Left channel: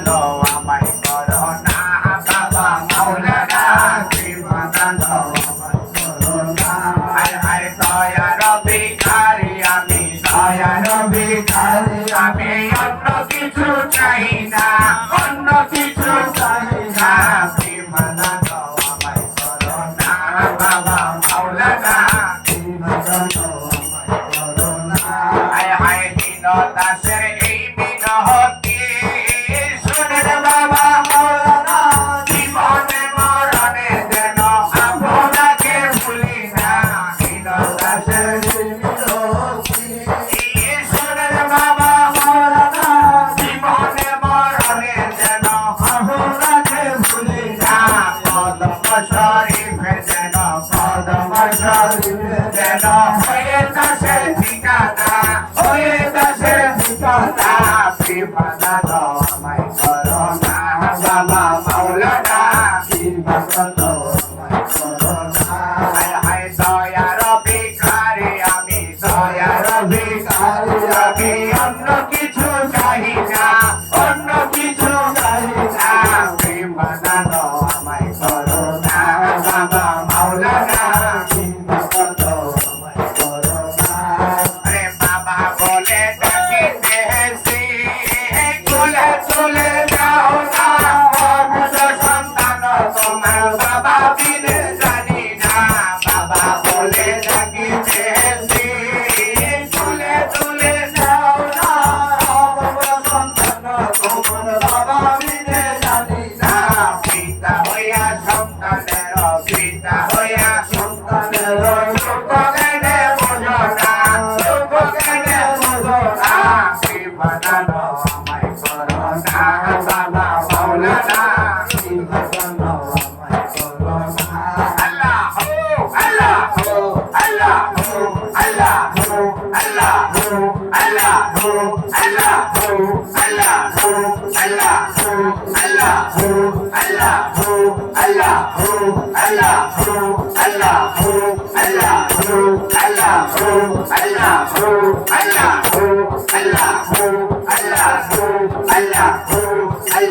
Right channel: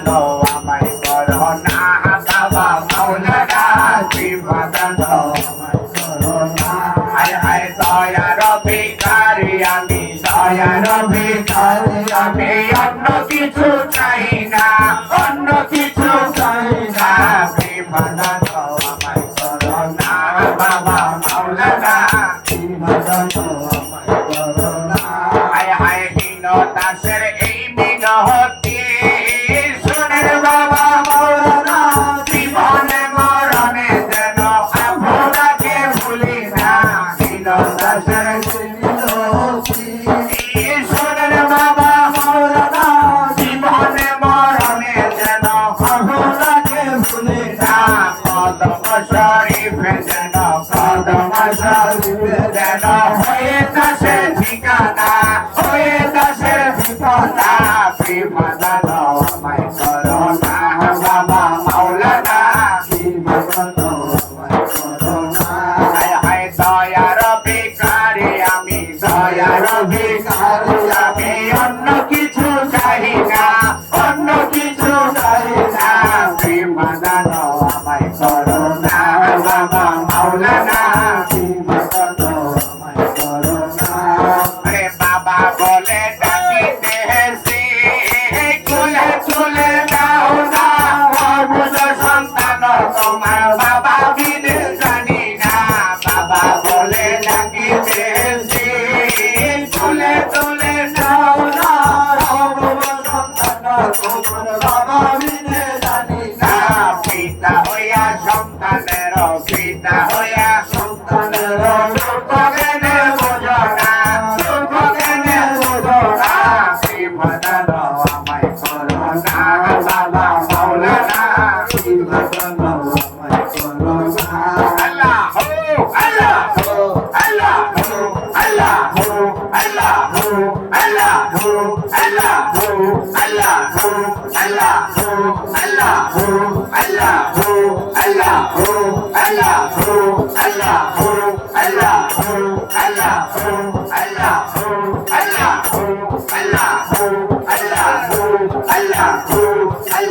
বাঁধো আমায় করো না বাবা মাওলানা বাঁধো আমায় করো না হায় হায় দয়ার ভিখারি আমি দয়ার ভিখারি আমি অন্য কিছু চাই না অন্য কিছু চাই না বাঁধো আমায় করো না বাবা মাওলানা বাঁধো আমায় করো না হায় হায় দিন দাসের এই মিনতি শুনে বাবা মাওলানা জীবনে মরণে যেন আপনাকে ভুলি না দিন দাসের মিনতি শুনে বাবা মাওলানা জীবনে মরণে যেন আপনাকে ভুলি না কদম শরীফে যেন কদম শরীফে যেন হয়ে দাসে ঠিকানা হয়ে দাসে ঠিকানা বাঁধো আমায় করো না বাবা মাওলানা বাঁধো আমায় করো না হায় হায় দয়ার ভিখারি আমি দয়ার ভিখারি আমি অন্য কিছু চাই না অন্য কিছু চাই না বাঁধো আমায় করো না বাবা মাওলানা বাঁধো আমায় করো না রে বাবা বলে ডাকিতেছি খুলে খুলে দাও না বুঝ সন্তান তোমার বাবা বিনে জানি না বাবা বলে ডাকিতেছি খুলে খুলে দাও না বুঝ সন্তান তোমার বাবা বিনে জানি না পিতা হইয়া সন্তানের পিতা হইয়া সন্তানের দুঃখ কেনে বোঝো না দুঃখ কেনে বোঝো না বাঁধো আমায় করো না বাবা মাওলানা বাঁধো আমায় করো না আল্লাহ হো আল্লাহ হো আল্লাহ হো আল্লাহ হো আল্লাহ হো আল্লাহ হো আল্লাহ হো আল্লাহ হো আল্লাহ হো আল্লাহ হো আল্লাহ হো আল্লাহ হো আল্লাহ হো আল্লাহ হো আল্লাহ হো আল্লাহ হো